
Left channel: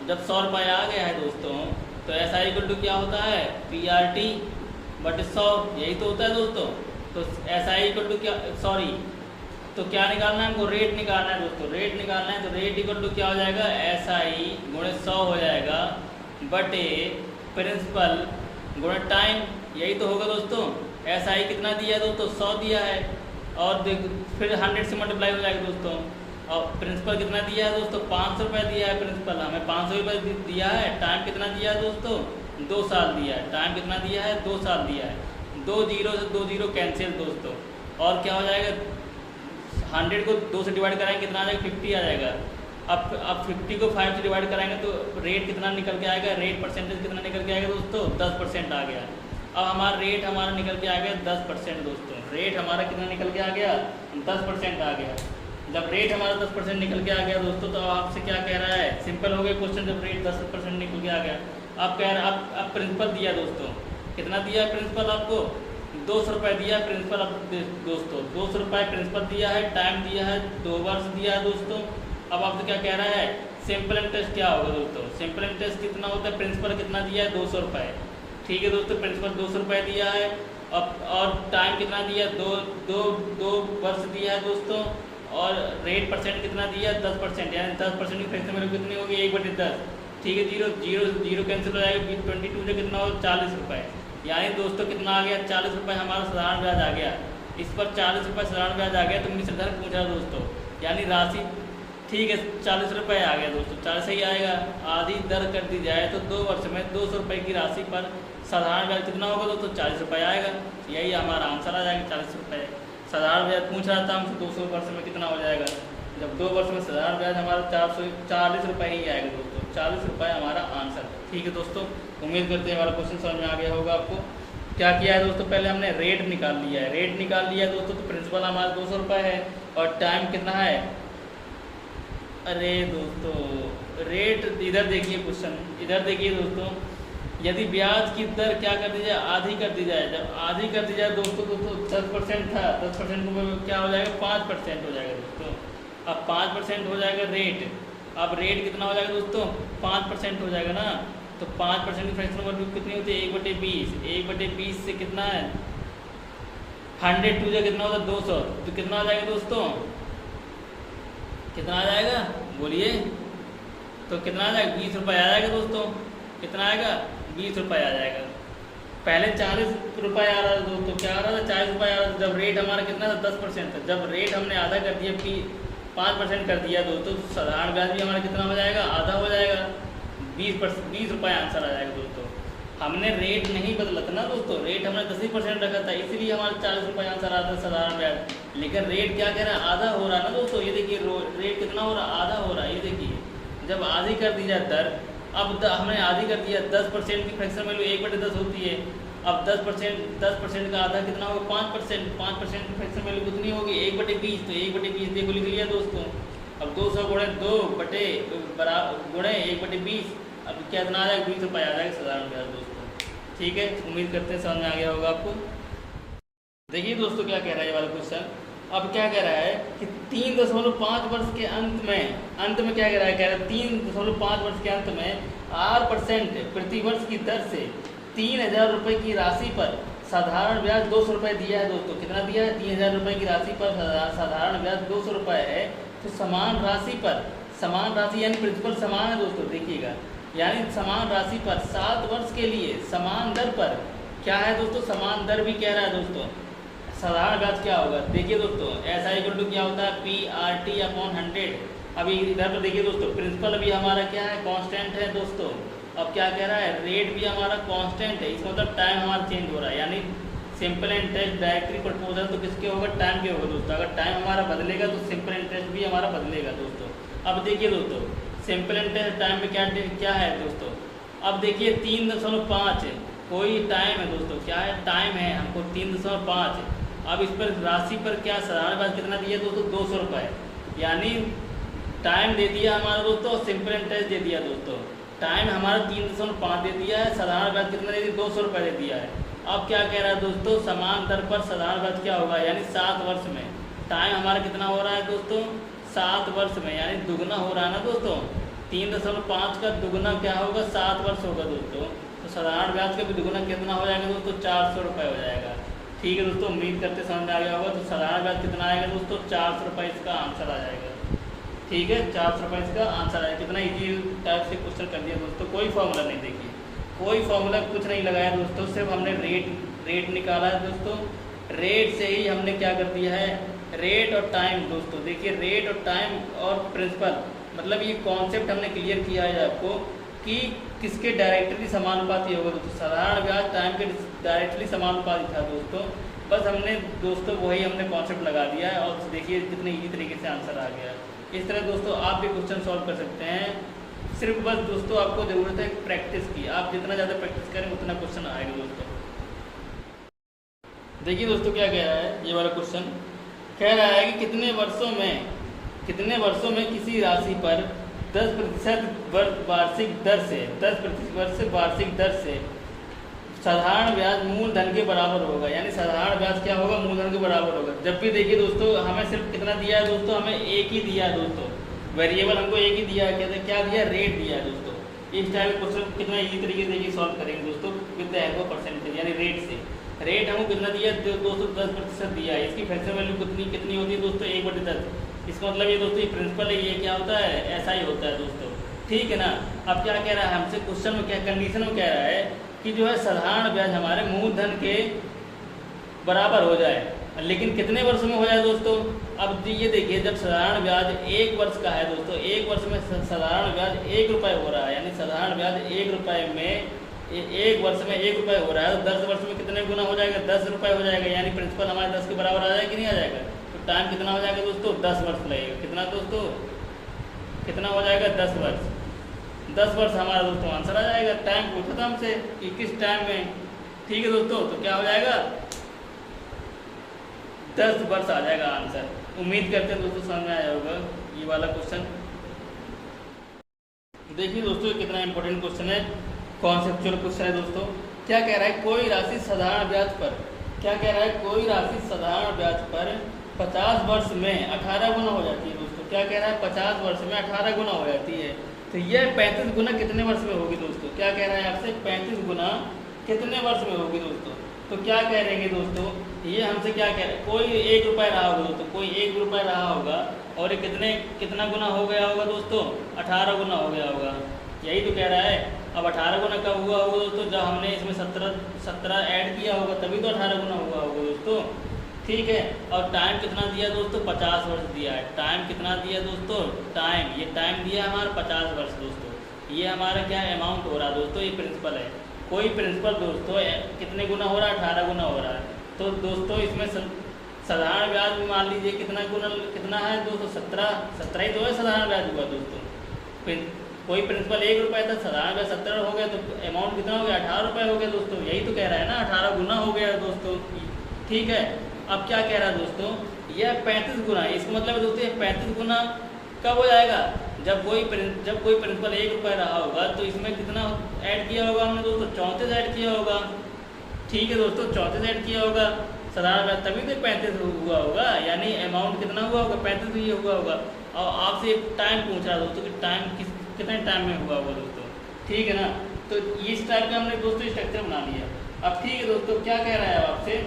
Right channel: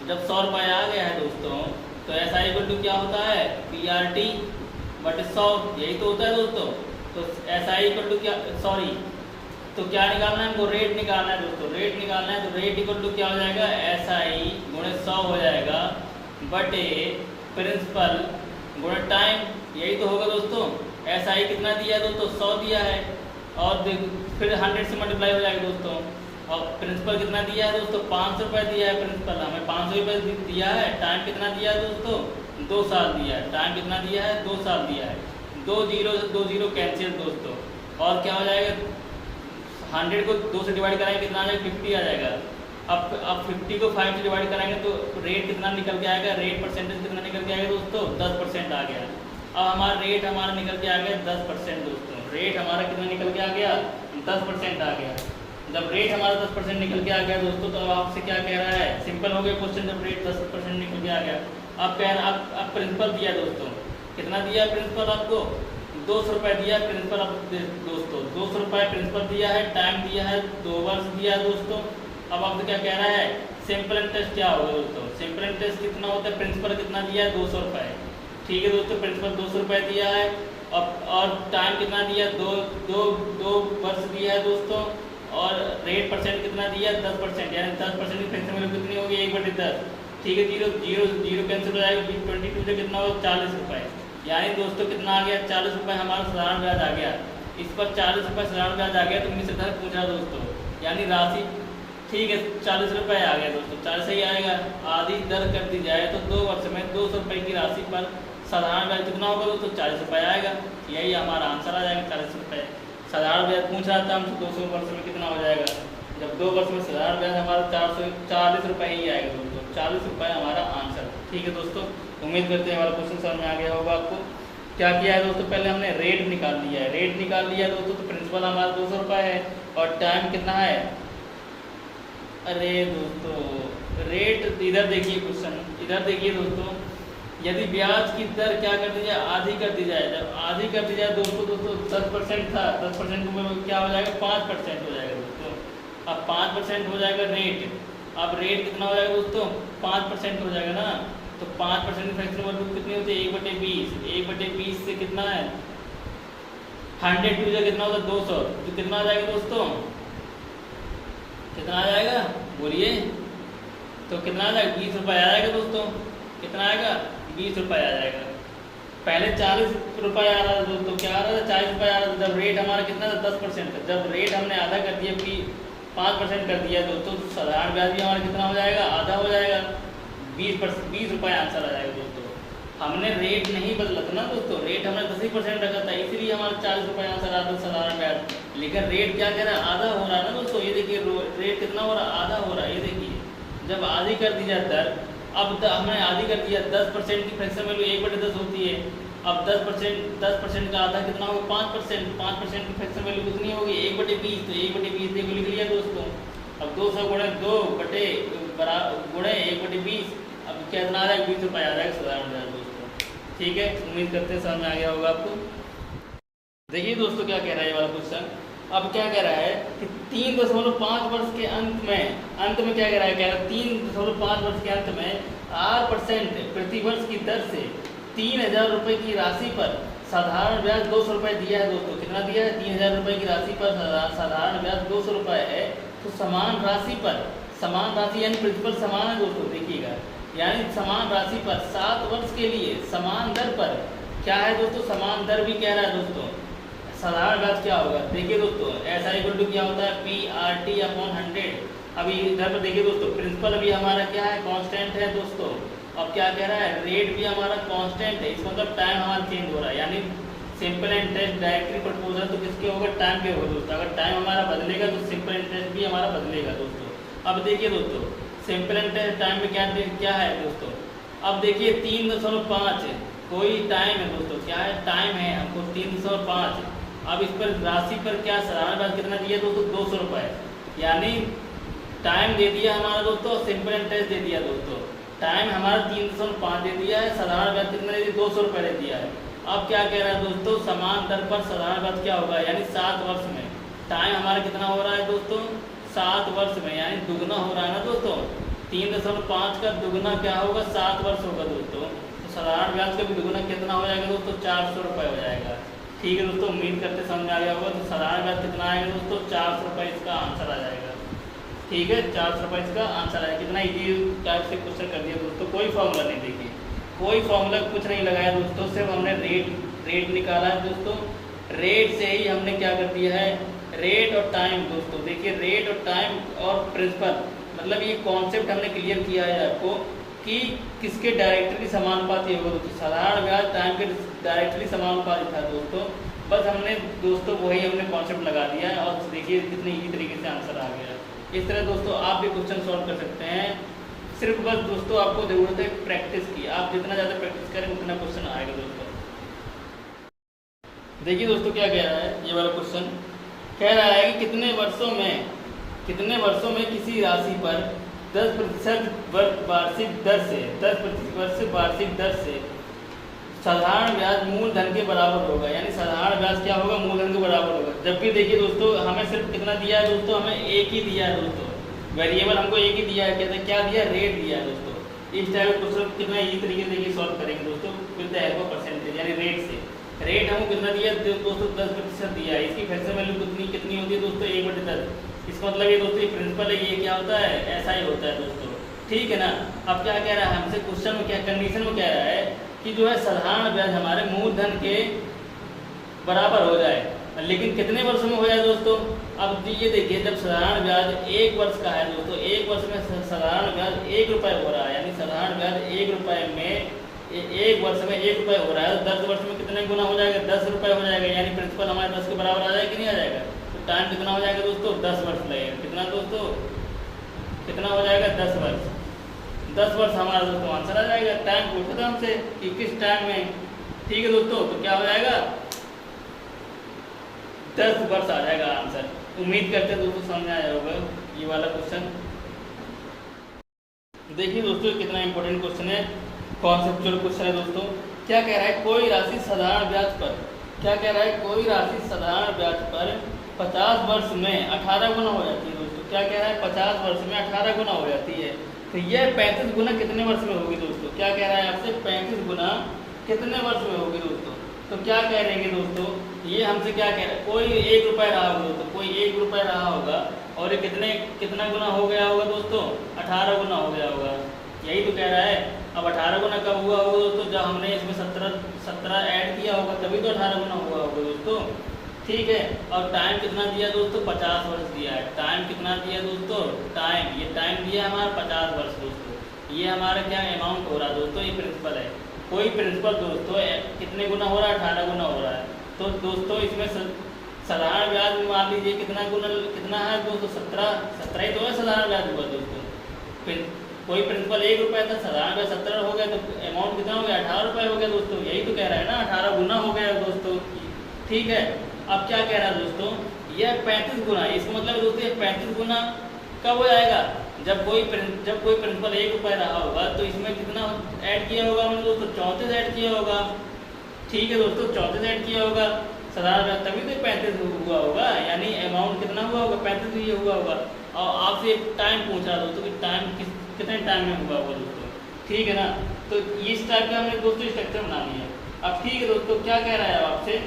जब 100 रुपये आ गया है दोस्तों, तो एस आई इक्वल टू क्या होता है, पी आर टी बट 100, यही तो होता है दोस्तों। तो एस आई इक्वल टू क्या, सॉरी, तो क्या निकालना है हमको, रेट निकालना है दोस्तों। रेट निकालना है तो रेट इक्वल टू क्या हो जाएगा, एस आई गुणे 100 हो जाएगा बटे प्रिंसिपल गुणे टाइम, यही तो होगा दोस्तों। एस आई कितना दिया है दोस्तों, 100 दिया है, और फिर 100 से मल्टीप्लाई हो जाएगा दोस्तों। और प्रिंसिपल कितना दिया है दोस्तों, 500 रुपये दिया है प्रिंसिपल, हमें 500 रुपये दिया है। टाइम कितना दिया है दोस्तों, 2 साल दिया है। टाइम कितना दिया है, 2 साल दिया है। 2 जीरो से 2 जीरो कैंसिल दोस्तों, और क्या हो जाएगा, 100 को 2 से डिवाइड कराएंगे कितना आ जाएगा, 50 आ जाएगा। अब 50 को 5 से डिवाइड कराएंगे तो रेट कितना निकल के आएगा, रेट परसेंटेज कितना निकल के आएगा दोस्तों, 10% आ गया। अब हमारा रेट हमारा निकल के आ गया 10% दोस्तों। रेट हमारा कितना निकल के आ गया, 10% आ गया। जब रेट हमारा 10% निकल के आ गया दोस्तों, तो अब आपसे क्या कह रहा है, सिंपल हो गया क्वेश्चन, जब रेट 10% निकल के आ गया। अब कह रहा है, अब प्रिंसिपल दिया दोस्तों, कितना दिया है प्रिंसिपल आपको, 200 रुपये दिया है प्रिंसिपल दोस्तों। 200 रुपये प्रिंसिपल दिया है, टाइम दिया है 2 वर्ष दिया है दोस्तों। अब आपसे क्या कह रहा है, सिंपल इंटरेस्ट क्या होगा दोस्तों, सिंपल इंटरेस्ट कितना होता है, प्रिंसिपल कितना दिया है, 200 रुपये। ठीक है दोस्तों, प्रिंसिपल 200 रुपये दिया है, और टाइम कितना दिया, दो वर्ष दिया है दोस्तों, और रेट परसेंट कितना दिया है, 10%, यानी 10% की फ्रैक्शन वैल्यू कितनी होगी, 1/10। ठीक है, जीरो जीरो जीरो कैंसिल हो जाएगा, 22 से कितना होगा, 40 रुपये। यानी दोस्तों कितना आ गया, 40 रुपये हमारा साधारण ब्याज आ गया। इस पर 40 रुपये साधारण ब्याज आ गया, तो मुझसे धर पूछा दोस्तों, यानी राशि, ठीक है 40 रुपये आ गया दोस्तों, 40 ही आएगा। आधी दर कर दी जाए तो 2 वर्ष में 200 रुपये की राशि पर साधारण ब्याज कितना होगा दोस्तों, 40 रुपये आएगा। यही हमारा आंसर आ जाएगा, 40 रुपये। साधारण ब्याज पूछ रहा था हमसे 200 वर्ष में कितना हो जाएगा, जब 2 वर्ष में साधारण ब्याज हमारा 440 रुपये ही आएगा दोस्तों, 40 रुपये हमारा आंसर। ठीक है दोस्तों, उम्मीद करते हैं हमारा क्वेश्चन समझ में आ गया होगा आपको। क्या किया है दोस्तों, पहले हमने रेट निकाल लिया है। रेट निकाल लिया दोस्तों, तो प्रिंसिपल हमारा 200 रुपये है, और टाइम कितना है, अरे दोस्तों रेट इधर देखिए, क्वेश्चन इधर देखिए दोस्तों, यदि ब्याज की दर क्या कर दी जाए, आधी कर दी जाए। जब आधी कर दी जाए दोस्तों 10% था, 10% को क्या हो जाएगा, 5% हो जाएगा दोस्तों। अब 5% हो जाएगा रेट। अब रेट कितना हो जाएगा दोस्तों, 5% हो जाएगा ना, तो 5% की फ्रैक्शन वैल्यू कितनी होती है, 1/20। 1/20 से कितना है, 100 टू कितना होता है, 200, तो कितना आ जाएगा दोस्तों, कितना आ जाएगा बोलिए, तो कितना आ जाएगा, 20 रुपये आ जाएगा दोस्तों। कितना आएगा, 20 रुपये आ जाएगा। पहले 40 रुपये आ रहा था दोस्तों, क्या आ रहा था, 40 रुपये आ रहा था। जब रेट हमारा कितना था, 10% था। जब रेट हमने आधा कर दिया, कि 5% कर दिया दोस्तों, साधारण ब्याज भी हमारा कितना हो जाएगा, आधा हो जाएगा, 20 रुपये आंसर आ जाएगा दोस्तों। हमने रेट नहीं बदला था ना दोस्तों, रेट हमने 10% रखा था, इसलिए हमारा 40 रुपये आंसर आता है साधारण ब्याज। लेकिन रेट क्या कह रहा है, आधा हो रहा है ना दोस्तों, ये देखिए रेट कितना हो रहा है, आधा हो रहा है। ये देखिए, जब आधी कर दी जाए दर, अब हमने आधी कर दिया, 10% की फ्रैक्शन वैल्यू 1/10 होती है। अब 10% का आधा कितना होगा, 5% की फ्रैक्शन वैल्यू कितनी होगी, 1/20। तो 1/20 की वैल्यू लिया दोस्तों। अब 200 गुणे 2 बटे गुणे 1/20, अब क्या इतना आ जाएगा, 20 रुपये आ जाएगा साधारण ब्याज दोस्तों। ठीक है, उम्मीद करते हैं समझ में आ गया होगा आपको। देखिए दोस्तों क्या कह रहा है ये वाला क्वेश्चन। अब क्या कह रहा है कि 3.5 वर्ष के अंत में क्या कह रहा है, क्या 3.5 वर्ष के अंत में 8% प्रति वर्ष की दर से 3000 रुपये की राशि पर साधारण ब्याज 200 रुपये दिया है दोस्तों। कितना दिया है, 3000 रुपये की राशि पर साधारण ब्याज 200 रुपये है। तो समान राशि पर, समान राशि यानी प्रिंसिपल समान है दोस्तों, देखिएगा, यानी समान राशि पर 7 वर्ष के लिए समान दर पर क्या है दोस्तों, समान दर भी कह रहा है दोस्तों। साधारण ब्याज क्या होगा, देखिए दोस्तों, ऐसा इक्वल टू क्या होता है, PRT/100। अभी इधर पर देखिए दोस्तों, प्रिंसिपल अभी हमारा क्या है, कांस्टेंट है दोस्तों। अब क्या कह रहा है, रेट भी हमारा कांस्टेंट है, इसका मतलब टाइम हमारा चेंज हो रहा है, यानी सिंपल इंटरेस्ट डायरेक्टली प्रपोजल तो किसके होगा, टाइम के होगा दोस्तों। अगर टाइम हमारा बदलेगा तो सिंपल इंटरेस्ट भी हमारा बदलेगा दोस्तों। अब देखिए दोस्तों, सिंपल इंटरेस्ट टाइम में क्या है दोस्तों। अब देखिए 3.5 कोई टाइम है दोस्तों, क्या है, टाइम है हमको 3.5। अब इस पर राशि पर क्या साधारण ब्याज कितना दिया दोस्तों, 200 रुपये। यानी टाइम दे दिया हमारा दोस्तों, सिंपल इंटरेस्ट दे दिया दोस्तों। टाइम हमारा 3.5 दे दिया है, साधारण ब्याज कितना दे दिया, 200 रुपये दे दिया है। अब क्या कह रहा है दोस्तों, समान दर पर साधारण ब्याज क्या होगा, यानी 7 वर्ष में। टाइम हमारा कितना हो रहा है दोस्तों, 7 वर्ष में, यानी दुगना हो रहा है ना दोस्तों। 3.5 का दुगना क्या होगा, 7 वर्ष होगा दोस्तों। तो साधारण ब्याज का भी दुगना कितना हो जाएगा दोस्तों, 400 रुपये हो जाएगा। ठीक है दोस्तों, उम्मीद करते समझ में आ गया होगा। तो साधारण ब्याज कितना आएगा दोस्तों, 400 रुपये इसका आंसर आ जाएगा। ठीक है, 400 रुपये इसका आंसर आएगा। कितना ईजी टाइप से क्वेश्चन कर दिया दोस्तों, कोई फॉर्मूला नहीं देखिए, कोई फॉर्मूला कुछ नहीं लगाया दोस्तों, सिर्फ हमने रेट निकाला है दोस्तों। रेट से ही हमने क्या कर दिया है, रेट और टाइम दोस्तों। देखिए रेट और टाइम और प्रिंसिपल, मतलब ये कॉन्सेप्ट हमने क्लियर किया है आपको कि किसके डायरेक्टली समानुपाती होगा दोस्तों। साधारण ब्याज टाइम के डायरेक्टली समानुपाती था दोस्तों। बस हमने दोस्तों वही हमने कॉन्सेप्ट लगा दिया है, और देखिए कितने ईजी तरीके से आंसर आ गया है। इस तरह दोस्तों आप भी क्वेश्चन सॉल्व कर सकते हैं। सिर्फ बस दोस्तों आपको ज़रूरत है प्रैक्टिस की। आप जितना ज़्यादा प्रैक्टिस करें उतना क्वेश्चन आएगा दोस्तों। देखिए दोस्तों क्या कह रहा है, ये वाला क्वेश्चन कह रहा है कि कितने वर्षों में किसी राशि पर 10% वार्षिक दर से 10% वार्षिक दर से साधारण ब्याज मूलधन के बराबर होगा। यानी साधारण ब्याज क्या होगा, मूलधन के बराबर होगा। जब भी देखिए दोस्तों हमें सिर्फ कितना दिया है दोस्तों, हमें एक ही दिया है दोस्तों, वेरिएबल हमको एक ही दिया है। कहते हैं क्या दिया, रेट दिया है दोस्तों। इस टाइप के क्वेश्चन कितना ईजी तरीके से देखिए सॉल्व करेंगे दोस्तों, with the help of percentage, यानी रेट से। रेट हमको कितना दिया है दोस्तों, 10% दिया है। इसकी फ्रैक्शन वैल्यू कितनी होती है दोस्तों, 1/10। इसका मतलब ये दोस्तों ये प्रिंसिपल है, ये क्या होता है, ऐसा ही होता है दोस्तों। ठीक है ना। अब क्या कह रहा है हमसे क्वेश्चन में, क्या कंडीशन में कह रहा है कि जो है साधारण ब्याज हमारे मूलधन के बराबर हो जाए, लेकिन कितने वर्षों में हो जाए दोस्तों। अब ये देखिए जब साधारण ब्याज 1 वर्ष का है दोस्तों, 1 वर्ष में साधारण ब्याज 1 रुपये हो रहा है, यानी साधारण ब्याज 1 रुपये में 1 वर्ष में 1 रुपये हो रहा है। 10 वर्ष में कितने गुना हो जाएगा, 10 रुपये हो जाएगा। यानी प्रिंसिपल हमारे 10 के बराबर आ जाएगा कि नहीं आ जाएगा। तो टाइम कितना हो जाएगा दोस्तों, 10 वर्ष लगेगा। कितना दोस्तों, कितना हो जाएगा, 10 वर्ष। 10 वर्ष हमारा दोस्तों आंसर आ जाएगा। टाइम पूछा था हमसे कि किस टाइम में। ठीक है दोस्तों, तो क्या हो जाएगा, 10 वर्ष आ जाएगा आंसर। उम्मीद करते हैं दोस्तों समझ में आया होगा ये वाला क्वेश्चन। देखिए दोस्तों कितना इंपॉर्टेंट क्वेश्चन है, कॉन्सेप्चुअल क्वेश्चन है दोस्तों। क्या कह रहा है, कोई राशि साधारण ब्याज पर, क्या कह रहा है, कोई राशि साधारण ब्याज पर 50 वर्ष में 18 गुना हो जाती है दोस्तों। क्या कह रहा है, 50 वर्ष में 18 गुना हो जाती है। तो यह 35 गुना कितने वर्ष में होगी दोस्तों। क्या कह रहा है आपसे, 35 गुना कितने वर्ष में होगी दोस्तों। तो क्या कह रहे हैं दोस्तों, ये हमसे क्या कह रहा है, कोई 1 रुपये रहा होगा दोस्तों, कोई 1 रुपये रहा होगा, और ये कितना गुना हो गया होगा दोस्तों, 18 गुना हो गया होगा। यही तो कह रहा है। अब 18 गुना कब हुआ होगा दोस्तों, जब हमने इसमें 17 ऐड किया होगा, तभी तो 18 गुना हुआ होगा दोस्तों। ठीक है। और टाइम कितना दिया दोस्तों, 50 वर्ष दिया है। टाइम कितना दिया दोस्तों, टाइम, ये टाइम दिया है हमारा 50 वर्ष दोस्तों। ये हमारा क्या अमाउंट हो रहा है दोस्तों, ये प्रिंसिपल है। कोई प्रिंसिपल दोस्तों कितने गुना हो रहा है, 18 गुना हो रहा है। तो दोस्तों इसमें साधारण ब्याज मान लीजिए कितना है दोस्तों, 17 ही तो है साधारण ब्याज हुआ दोस्तों। फिर कोई प्रिंसिपल 1 रुपये था, साधारण ब्याज 17 हो गया, तो अमाउंट कितना हो गया, 18 रुपये हो गया दोस्तों। यही तो कह रहा है ना, 18 गुना हो गया दोस्तों। ठीक है। अब क्या कह रहा है दोस्तों, यह 35 गुना, इसका मतलब दोस्तों ये 35 गुना कब हो जाएगा, जब कोई प्रिंसिपल 1 रुपये रहा होगा, तो इसमें कितना ऐड किया होगा हमने दोस्तों, 34 ऐड किया होगा। ठीक है दोस्तों, 34 ऐड किया होगा साधारण ब्याज, तभी तो 35 हुआ होगा। यानी अमाउंट कितना हुआ होगा, 35 ही हुआ होगा। और आपसे टाइम पूछ रहा दोस्तों कि टाइम कितने टाइम में हुआ होगा दोस्तों। ठीक है ना। तो इस टाइप के हमने दोस्तों स्ट्रक्चर बना लिया। अब ठीक है दोस्तों, क्या कह रहा है आपसे,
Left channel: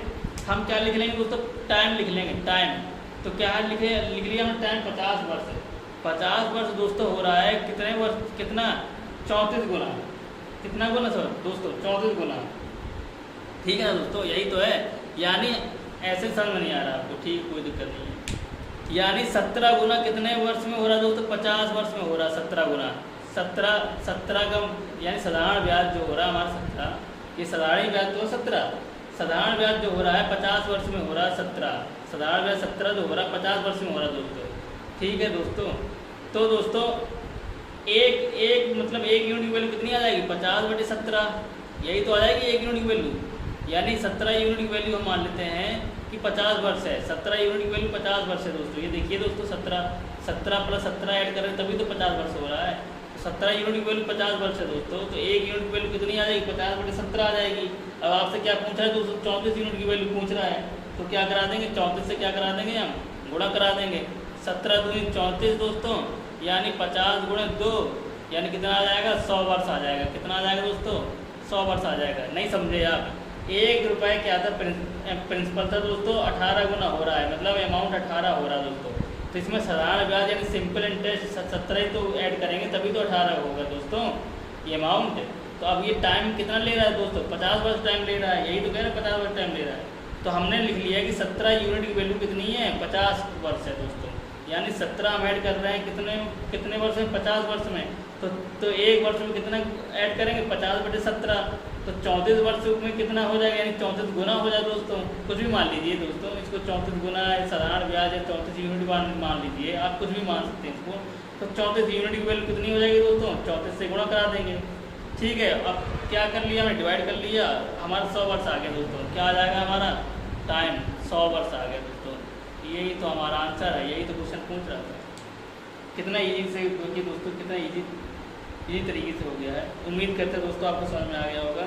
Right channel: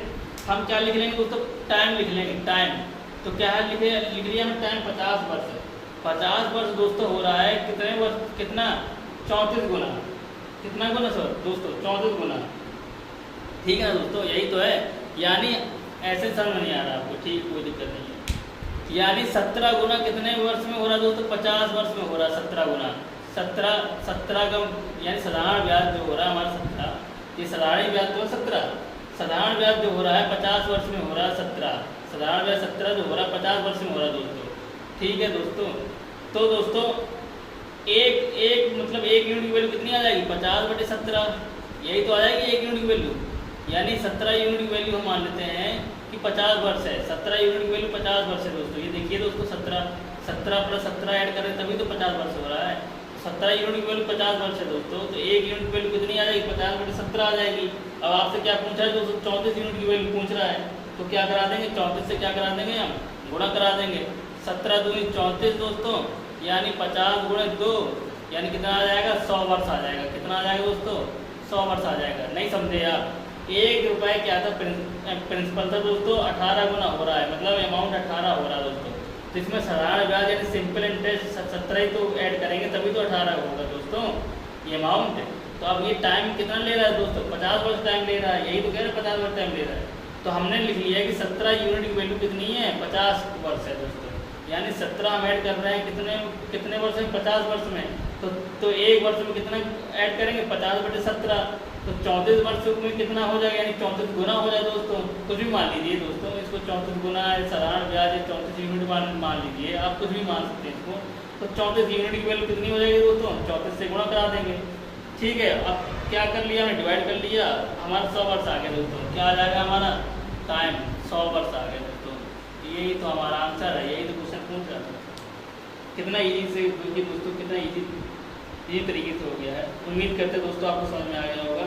हम क्या लिख लेंगे दोस्तों, टाइम लिख लेंगे, टाइम। तो क्या है, लिख लिया हमने टाइम 50 वर्ष। 50 वर्ष दोस्तों हो रहा है कितने वर्ष, कितना, 34 गुना। कितना गुना सर दोस्तों, 34 गुना। ठीक है ना दोस्तों, यही तो है। यानी ऐसे समझ नहीं आ रहा आपको, ठीक, कोई दिक्कत नहीं है। यानी 17 गुना कितने वर्ष में हो रहा है दोस्तों, 50 वर्ष में हो रहा है 17 गुना। 17 का यानी साधारण ब्याज जो हो रहा है हमारा 17, ये साधारण ब्याज तो 17, साधारण ब्याज जो हो रहा है 50 वर्ष में हो रहा है 17, साधारण ब्याज 17 जो हो रहा है 50 वर्ष में हो रहा है दोस्तों। ठीक है दोस्तों। तो दोस्तों एक मतलब 1 यूनिट की वैल्यू कितनी आ जाएगी, 50/17, यही तो आ जाएगी 1 यूनिट की वैल्यू। यानी 17 यूनिट की वैल्यू हम मान लेते हैं कि 50 वर्ष है। 17 यूनिट की वैल्यू 50 वर्ष है दोस्तों। ये देखिए दोस्तों 17 प्लस 17 ऐड करें तभी तो 50 वर्ष हो रहा है। 17 यूनिट की वैल्यू 50 वर्ष है दोस्तों। तो 1 यूनिट की वैल्यू कितनी आ जाएगी? 50/17 आ जाएगी। अब आपसे क्या पूछा है दोस्तों? 34 यूनिट की वैल्यू पूछ रहा है। तो क्या करा देंगे? 34 से क्या करा देंगे? हम गुणा करा देंगे। 17 दूनी 34 दोस्तों, यानी 50 गुणे 2 यानी कितना आ जाएगा? 100 वर्ष आ जाएगा। कितना आ जाएगा दोस्तों? 100 वर्ष आ जाएगा। नहीं समझे आप? 1 रुपये क्या था? प्रिंसिपल था दोस्तों, 18 गुना हो रहा है, मतलब अमाउंट 18 हो रहा है दोस्तों। तो इसमें साधारण ब्याज यानी सिंपल इंटरेस्ट 17 ही तो ऐड करेंगे तभी तो 18 होगा दोस्तों ये अमाउंट। तो अब ये टाइम कितना ले रहा है दोस्तों? 50 वर्ष टाइम ले रहा है। यही तो कह रहे हैं 50 वर्ष टाइम ले रहा है। तो हमने लिख लिया कि 17 यूनिट की वैल्यू कितनी है? 50 वर्ष है दोस्तों। यानी 17 हम ऐड कर रहे हैं कितने वर्ष में? 50 वर्ष में। तो 1 वर्ष में कितना ऐड करेंगे? 50/17। तो 34 वर्ष में कितना हो जाएगा? यानी 34 गुना हो जाए दोस्तों। कुछ भी मान लीजिए दोस्तों, इसको 34 गुना है, साधारण ब्याज है, 34 यूनिट मान लीजिए, आप कुछ भी मान सकते हैं इसको। तो 34 यूनिट की वैल्यू कितनी हो जाएगी दोस्तों? 34 से गुणा करा देंगे। ठीक है, अब क्या कर लिया हमने? डिवाइड कर लिया। हमारा 100 वर्ष आ गया दोस्तों। क्या आ जाएगा हमारा? टाइम 100 वर्ष आ गया दोस्तों। यही तो हमारा आंसर है। यही तो क्वेश्चन पूछ रहा था। कितना ईजी से दोस्तों, कितना ईजी तरीके से हो गया है। उम्मीद करते दोस्तों आपको समझ में आ गया होगा।